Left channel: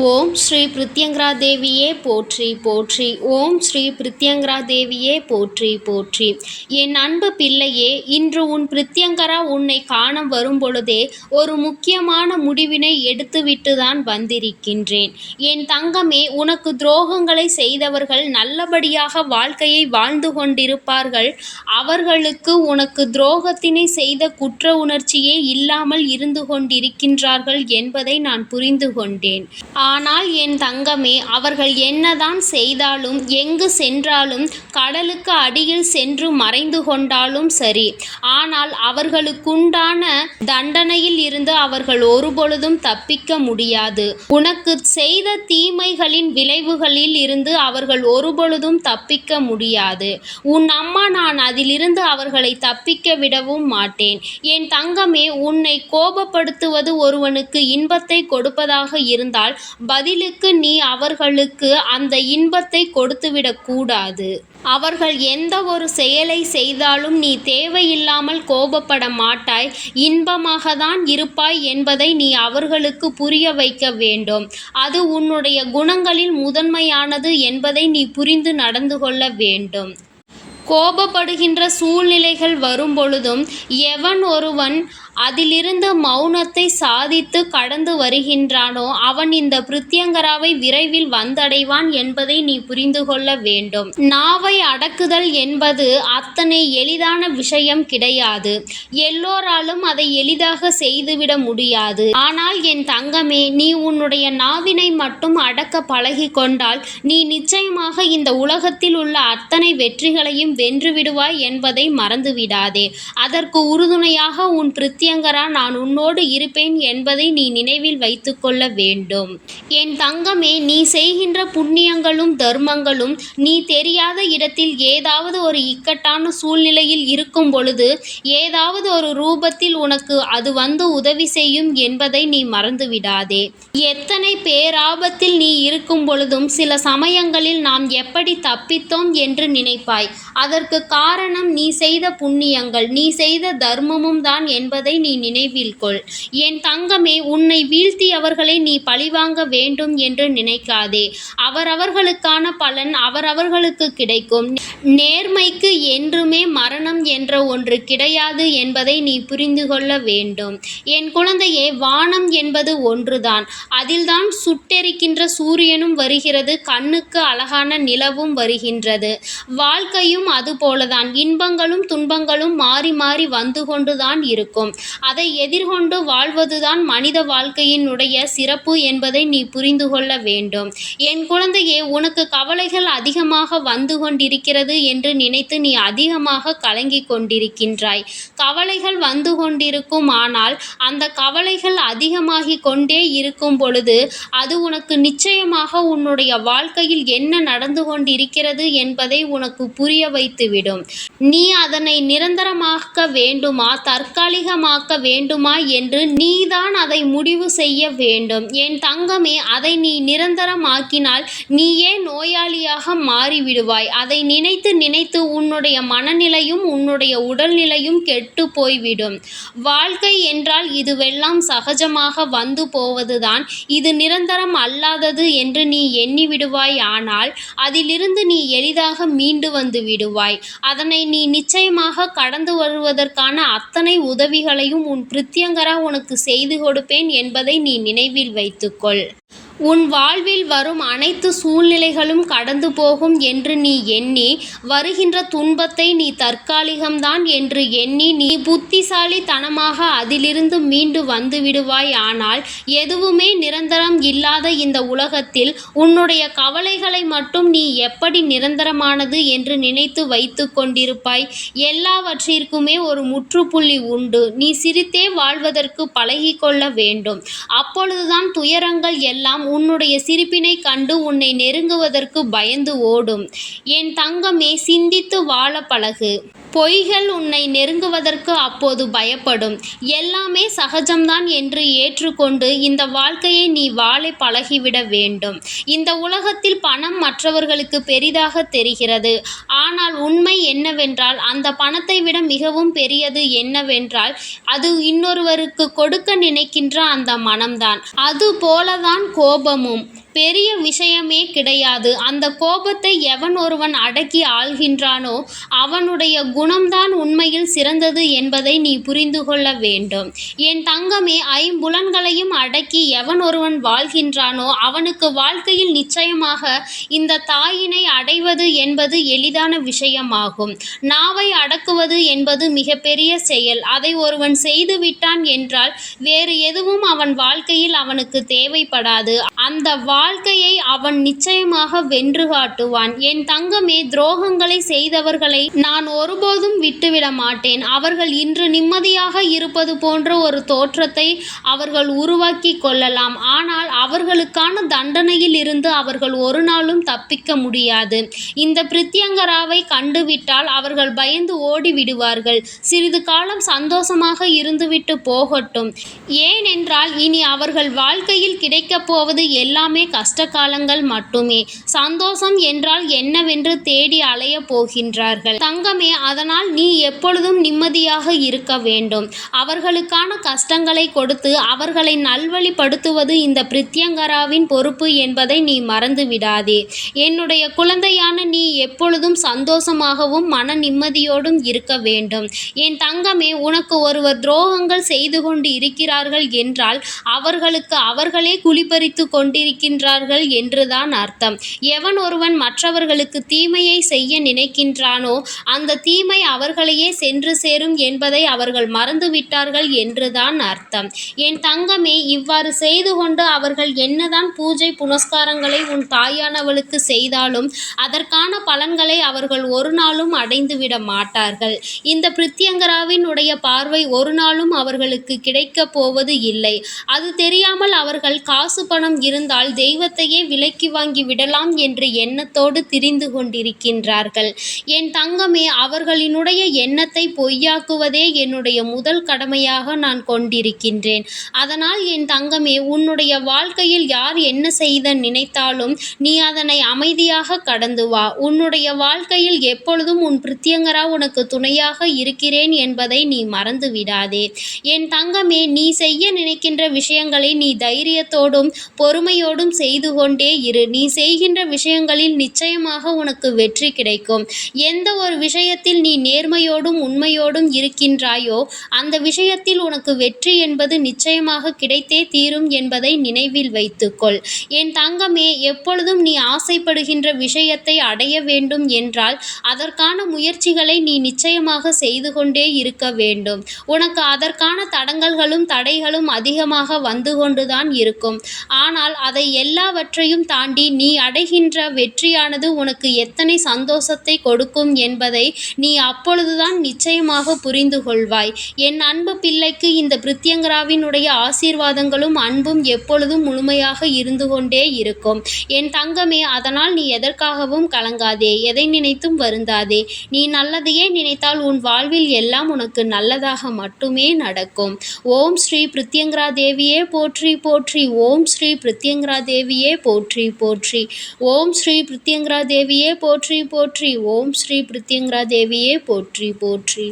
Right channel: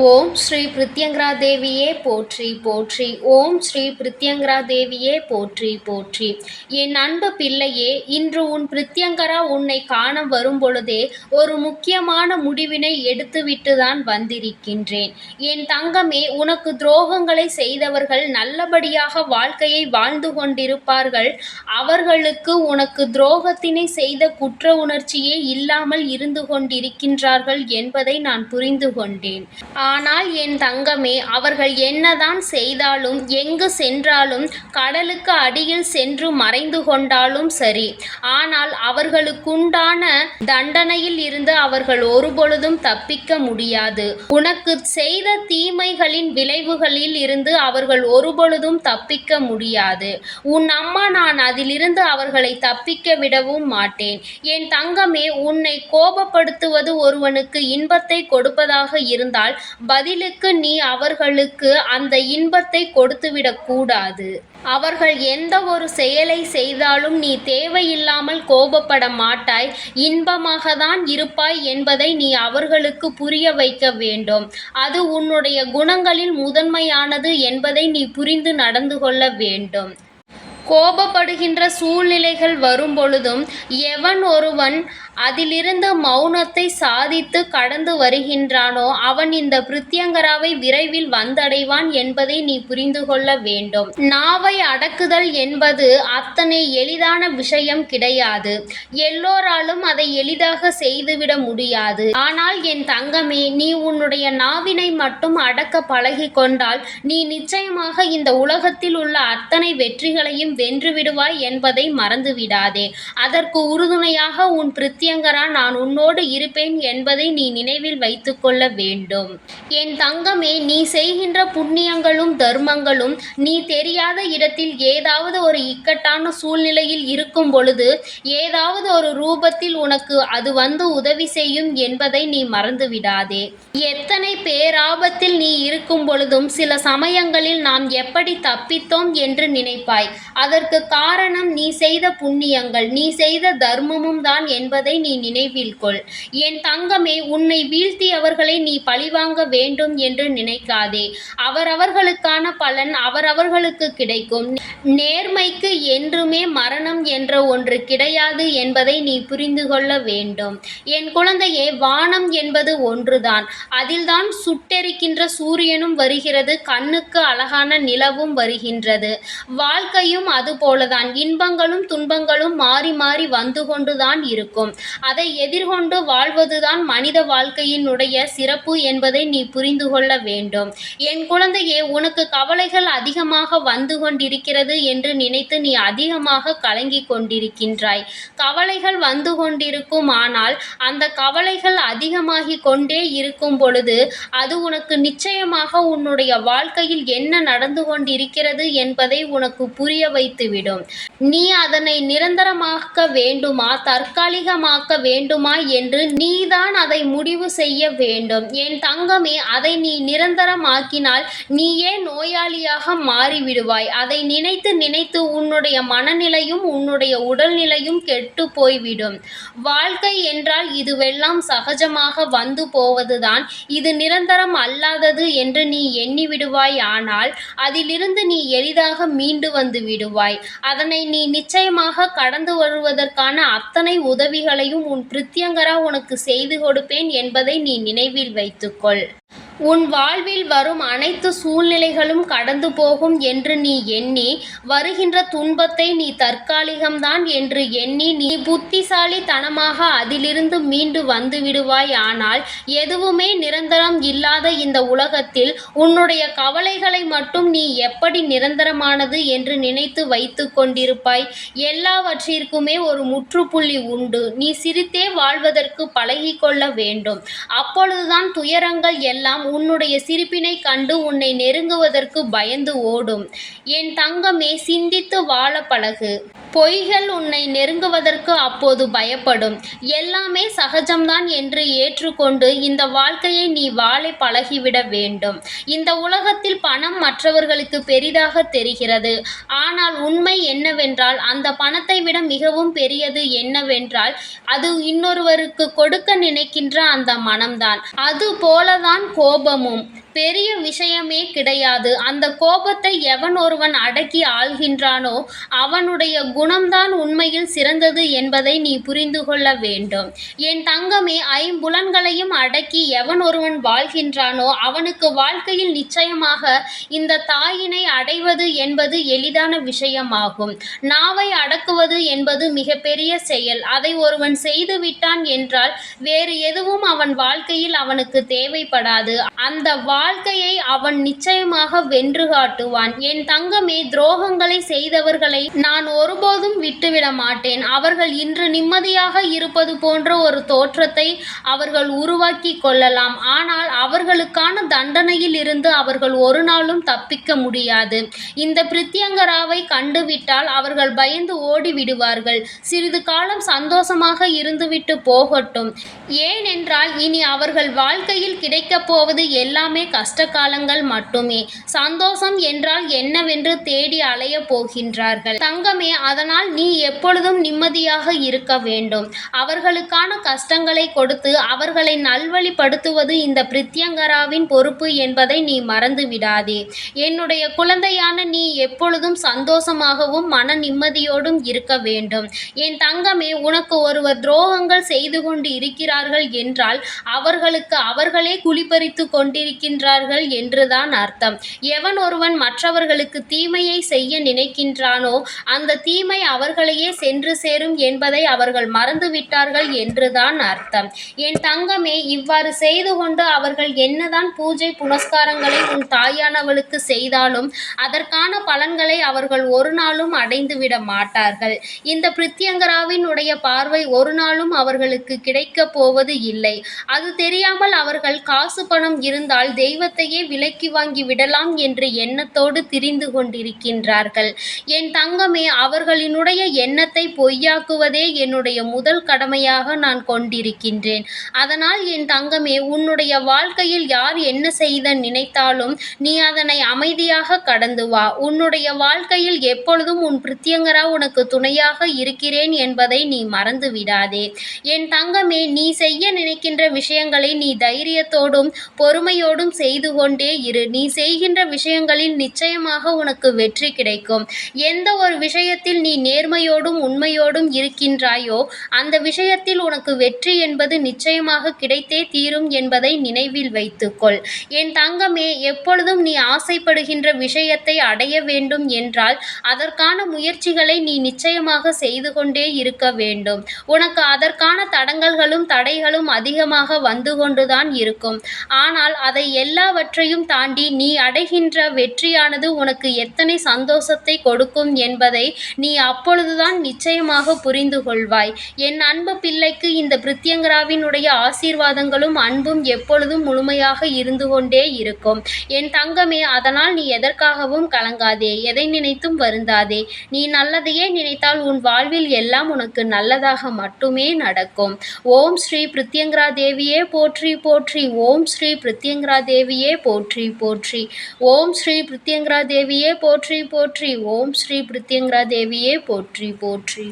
ஓம் ஸ்ரீ பிரித்யங்கரா தேவியே போற்றி போற்றி. ஓம் ஸ்ரீ பிரித்யங்கரா தேவியே போற்றி போற்றி. என் அன்பு பிள்ளையே இன்று உன் பிரித்யங்கரா உன்னை காண வரும்பொழுதே ஒரு முக்கியமான முடிவினை எடுத்துவிட்டு தான் வந்திருக்கின்றேன். என் தங்கமே உனக்கு துரோகங்களை செய்தவர்கள் நல்லபடியாக வாழ்க்கையை வாழ்ந்து கொண்டிருப்பார்கள். அவர்களுக்கு உனக்கு துரோகத்தினை செய்த குற்ற உணர்ச்சியே இல்லாமல் இருந்து கொண்டிருக்கின்றார்கள் என்பதை நான் புரிந்து கொண்டேன். ஆனால் என் தங்கமே அவர்கள் என்னதான் செய்தாலும் எங்கு சென்றாலும் கடலுக்கு அடியில் சென்று மறைந்து கொண்டாலும் சரி. ஆனால் அவர்களுக்குண்டான தண்டனையில் இருந்து அவர்கள் ஒருபொழுதும் தப்பிக்க முடியாது. உனக்கு செய்த தீமைகளின் விளைவுகளில் இருந்து அவர்கள் ஒருபொழுதும் தப்பிக்க முடியாது. உன் அம்மா நான் அதிலிருந்து அவர்களை தப்பிக்க விடவும் மாட்டேன். என் தங்கமே உன்னை கோபப்படுத்துவது ஒருவனுக்கு இன்பத்தை கொடுப்பதாக இருந்தால் பதிலுக்கு நீ அவர்களுக்கு அந்த இன்பத்தை கொடுத்துவிடக்கூடாது அவர்கள் எந்த ஒரு செயலை செய்தாலும் நீ தேவையில்லாமல் கோபப்பட மாட்டாய். இன்பமாக தான் இருப்பாய் என்பதை நீ அவர்களுக்கு புரிய வைக்க வேண்டும். அது உன்னுடைய குணங்களில் முதன்மையானது என்பதை நீ புரிந்து நடந்து கொள்ள வேண்டும். கோபப்படுகின்ற சூழ்நிலைகள் வரும்பொழுதும் எவன் ஒருவன் அதிலிருந்து மௌனத்தை சாதித்து கடந்து வருகின்றானோ அவன் இந்த பிருத்தியங்கராவை விரைவில் வந்தடைவான் என்பதை நீ புரிந்து கொள்ள வேண்டும். நாவை அடக்குதல் என்பது அத்தனை எளிதான விஷயம் கிடையாது. எல்லோராலும் அதை எளிதாக செய்துவிட முடியாது. ஆனால் என் தங்கமே நீ உன்னுடைய நாவினை மட்டும் அடக்க பழகி கொண்டால் நீ நிச்சயமாக இந்த உலகத்தில் உள்ள அத்தனை வெற்றிகளையும் வென்று விடுவாய் என்பதை மறந்துவிடாதே. அதற்கு உறுதுணையாக உன் நித்தியங்கரா நான் உன்னோடு இருப்பேன் என்பதை நீ நினைவில் வைத்துக்கொள்ள வேண்டும். என் தங்கமே நீ செய்கின்ற புண்ணியங்களும் தர்மங்களும் நீ தெரியாத இடத்தில் ஏதாவது ஒரு இக்கட்டான சூழ்நிலையில் இருக்கும் பொழுது ஏதாவது ஒரு ரூபத்தில் உனக்கு அது வந்து உதவி செய்யும் என்பதை நீ மறந்துவிடாதே. எத்தனை பேராபத்தில் நீ இருக்கும் பொழுதும் சில சமயங்களில் நாம் எப்படி தப்பித்தோம் என்று நினைப்பாய். அதற்கு காரணம் நீ செய்த புண்ணியங்கள் நீ செய்த தர்மமும் தான் என்பதை நீ நினைவில் கொள். என் தங்கமே உன்னை வீழ்த்தியவர்களை நீ பழிவாங்க வேண்டும் என்று நினைக்காதே. அவரவர்களுக்கான பலன் அவரவர்களுக்கு கிடைக்கும். நேர்மைக்கு என்றுமே மரணம் என்ற ஒன்று கிடையாது என்பதை நீ புரிந்து கொள்ள வேண்டும். என் குழந்தையே வானம் என்பது ஒன்றுதான். அதில்தான் சுட்டெரிக்கின்ற சூரியனும் வருகிறது கண்ணுக்கு அழகான நிலவும் வருகின்றது. வாழ்க்கையும் அதுபோலதான். இன்பங்களும் துன்பங்களும் மாறி மாறி வந்து கொண்டுதான் இருக்கும். அதை எதிர்கொண்டு வாழ்வதுதான் மனித வாழ்க்கையினுடைய சிறப்பு என்பதை நீ புரிந்து கொள்ள வேண்டும். என் குழந்தையே உனக்கு கவலைகள் அதிகமாக வந்து கொண்டிருக்கிறது என்று நினைத்து நீ அதிகமாக கலங்கிக் கொண்டிருக்கின்றாய். கவலைகள் வந்து கொண்டிருக்கும் ஆனால் அந்த கவலைகள் அதிகமாகி கொண்டே இருக்கும் பொழுது அது உனக்கு நிச்சயமாக உன்னுடைய வாழ்க்கையில் என்ன நடந்து கொண்டிருக்கிறது என்பதை உனக்கு புரிய வைத்துவிடும். நீ அதனை நிரந்தரமாக்க வேண்டுமா? சொந்தமாக்க வேண்டுமா என்று நீதான் அதை முடிவு செய்ய வேண்டும். என் தங்கமே அதை நீ நிரந்தரமாக்கினால் நீயே நோயாளியாக மாறிவிடுவாய்? அதை நினைத்து நினைத்து உன்னுடைய மனநிலையும் உன்னுடைய உடல்நிலையும் கெட்டு போய்விடும். வாழ்க்கை என்றால் இதுவெல்லாம் சகஜமாக வந்து போவதுதான். இது நிரந்தரம் அல்லாதது என்று நீ எண்ணி விடுவாய் ஆனால் அதிலிருந்து நீ எளிதாக மீண்டு வந்து விடுவாய். அதனை நீ நிச்சயமாக கடந்து வருவதற்கான அத்தனை உதவிகளையும் உன் பிரித்தியங்கரா உனக்கு செய்து கொடுப்பேன் என்பதை நீ நினைவில் வைத்துக்கொள். உன் வாழ்வில் வரும் அனைத்து சூழ்நிலைகளும் கடந்து போகும் என்று நீ எண்ணி வருகின்ற துன்பத்தை நீ தற்காலிகம்தான் என்று எண்ணி நீ புத்திசாலித்தனமாக அதிலிருந்து மீண்டு வந்து விடுவாய். ஆனால் எதுவுமே நிரந்தரம் இல்லாத இந்த உலகத்தில் உன்னுடைய கவலைகளை மட்டும் நீ எப்படி நிரந்தரமானது என்று நினைத்து வைத்து கொண்டிருப்பாய். எல்லாவற்றிற்குமே ஒரு முற்றுப்புள்ளி உண்டு. நீ சிரித்தே வாழ்வதற்கு பழகிக்கொள்ள வேண்டும். அப்பொழுதுதான் துயரங்கள் எல்லாம் உன்னுடைய சிரிப்பினை கண்டு உன்னை நெருங்குவதற்கு பயந்து ஓடும். என் தங்கமே சிந்தித்து வாழ பழகு. பொய்கள் உன்னை நெருங்குவதற்கு அப்போது பயப்படும். எல்லாமே சகஜம்தான் என்று ஏற்றுக்கொண்டு இந்த வாழ்க்கையை நீ வாழை பழகிவிட வேண்டும். இந்த உலகத்தில் பணம் மற்றவர்களுக்கு பெரிதாக தெரிகிறது. ஆனால் உண்மை என்னவென்றால் அந்த பணத்தை விட மிகவும் பெரியது என்னவென்றால் அது இன்னொருவருக்கு கொடுக்க நினைக்கின்ற அந்த மனம்தான். அது போலதான் கோபமும். பெரிய விஷயமே கிடையாது. அந்த கோபத்தை எவன் ஒருவன் அடக்கி ஆள்கின்றானோ அவனுடைய குணம்தான் உண்மையில் சிறந்தது என்பதை நீ புரிந்து கொள்ள வேண்டும். என் தங்கமே ஐம்புலன்களையும் அடக்கி எவன் ஒருவன் வாழ்கின்றானோ அவனுக்கு வாழ்க்கையில் நிச்சயமாக இந்த தாயினை அடைவது என்பது எளிதான விஷயமாகும். நாவை அடக்குவது என்பது மிகப்பெரிய செயல். அதை ஒருவன் செய்து விட்டான் என்றால் வேறு எதுவும் அவன் வாழ்க்கையில் அவனுக்கு தேவைப்படாது. அந்த வா வாழ்க்கையை அவன் நிச்சயமாக வென்று காட்டுவான். என் தங்கமே துரோகங்களை செய்தவர்களை நான் ஒருபோதும் விட்டுவிட மாட்டேன். அவர்கள் இன்று நிம்மதியாக இருப்பது போன்ற ஒரு தோற்றத்தை அவர்கள் உருவாக்கி கொள்ளலாம். ஆனால் அவர்களுக்கான தண்டனையில் இருந்து அவர்கள் ஒரு நாளும் தப்பிக்க முடியாது. இந்த பிரித்தியங்கராவை கண்டுவிட்டால் அவர்கள் பயந்து ஓடி விடுவார்கள் சிறிது காலம் சந்தோஷமாக இருந்துவிட்டு போகட்டும். ஏனென்றால் இனி அவர்கள் வாழ்க்கையில் கிடைக்கப் போவது எல்லாமே கஷ்ட காலங்கள் மட்டுமே. சந்தோஷம் என்றால் என்னவென்று தேடி அலைய போகின்றார்கள். தங்கமே அதனால் நீ எப்பொழுதும் நிம்மதியாக இருக்க வேண்டும். அவர்களுக்கான கஷ்டங்களை கொடுத்து அவர்களை நல்வழிப்படுத்துவது இந்த பிரித்யங்கராவின் பொறுப்பு என்பதை நீ மறந்து விடாதே. என்னுடைய குழந்தையான நீ எப்பொழுதும் சந்தோஷமாகவும் மன நிம்மதியோடும் இருக்க வேண்டும். என் தங்கமே உனக்கு ஒருவர் துரோகங்கள் செய்து கொண்டு இருக்கிறார்கள் என்றால் அவர்களுக்கு அவர்களே குழிபறித்து கொண்டிருக்கின்றார்கள் என்றுதான் அர்த்தம். எவன் ஒருவன் மற்றவர்களுக்கு தீமையை செய்ய நினைக்கின்றானோ அந்த தீமை அவர்களையே சென்று சேரும் என்பதை அவர்கள் மறந்துவிட்டார்கள் என்றுதான் அர்த்தம். என் தங்கமே இவ்வாறு செய்து கொண்டு அவர்கள் என்னதான் பூஜை புனஸ்காரங்களை உன் தாயானவளுக்கு செய்தாலும் அதற்கான பலன்களை அவர்கள் ஒரு நாளும் அடைந்துவிட மாட்டார்கள். இந்த பிரித்யங்கராவின் உடைய பார்வை ஒரு நாளும் அவர்களுக்கு கிடைக்கப் போவது இல்லை. அது தெரியாமல் அவர்கள் காசு பணம் இருந்தால் தெய்வத்தையே விலைக்கு வாங்கி விடலாம் என்ற எண்ணத்தோடு திரிந்து கொண்டிருக்கின்றார்கள். என் தங்கமே அவர்களினுடைய எண்ணத்தை பொய்யாக்குவதே என்னுடைய முதல் கடமையாக நான் கொண்டிருக்கின்றேன். அதனால் என் தங்கமே உன்னுடைய வாழ்க்கையில் யார் என்ன செய்த நினைத்தாலும் நீ அதனை அமைதியாக கடந்து வா. உன்னுடைய வாழ்க்கையில் எப்பொழுதும் உன் பிரித்தியங்கரா உனக்கு துணையாக இருக்கிறேன் என்பதை நீ மறந்து விடாதே. என் தங்கமே நீ செய்ய நினைக்கின்ற விஷயங்களை நீ தைரியத்தோடும் பொறுமையோடும் செய்து கொண்டே இரு. நீ செய்கின்ற விஷயங்களில் நிச்சயமாக உனக்கு வெற்றி கிடைக்கும். எந்த ஒரு விஷயத்தில் நீ நேர்மையோடும் உண்மையோடும் இருக்கின்றாயோ அந்த விஷயத்தில் உனக்கு வெற்றி என்பது நிச்சயமாக கிடைத்தே தீரும் என்பதை நினைவில் வைத்துக்கொள். என் தங்கமே எப்பொழுதும் நீ ஆசைப்படுகின்ற விஷயத்தை அடைய வேண்டும் என்றால் அதற்கான முயற்சிகளை நீ நிச்சயமாக செய்து கொண்டே இருக்க வேண்டும். உனக்கு அதற்கான தடங்கல்களும் தடைகளும் அதிகமாக வந்து கொண்டுதான் இருக்கும். ஆனால் அதை எல்லாவற்றையும் தாண்டி நீ அடைகின்ற வெற்றியானது உனக்கு எத்தனை சந்தோஷத்தை கொடுக்கும் என்பதை நீ அப்பொழுதுதான் நிச்சயமாக புரிந்து கொள்வாய். என் அன்பு பிள்ளைக்கு இந்த பிரித்யங்கராவினுடைய ஆசீர்வாதங்களும் அன்பும் எப்பொழுதும் முழுமையாக இருந்து கொண்டே இருக்கும். என் தங்கமே அதனால் நீ எதற்காகவும் கலங்காதே எதை நினைத்தும் வருந்தாதே. நீ நல்லதையே நினைத்தால் உன் வாழ்வில் எல்லாம் உனக்கு நல்லதாக மட்டுமே நடக்கும். ஓம் ஸ்ரீ பிரித்யங்கரா தேவியே போற்றி போற்றி. ஓம் ஸ்ரீ பிரித்யங்கரா தேவியே போற்றி போற்றி ஓம் ஸ்ரீ பிரித்யங்கரா தேவியே போற்றி போற்றி ஓம் ஸ்ரீ பிரித்யங்கரா தேவியே போற்றி போற்றி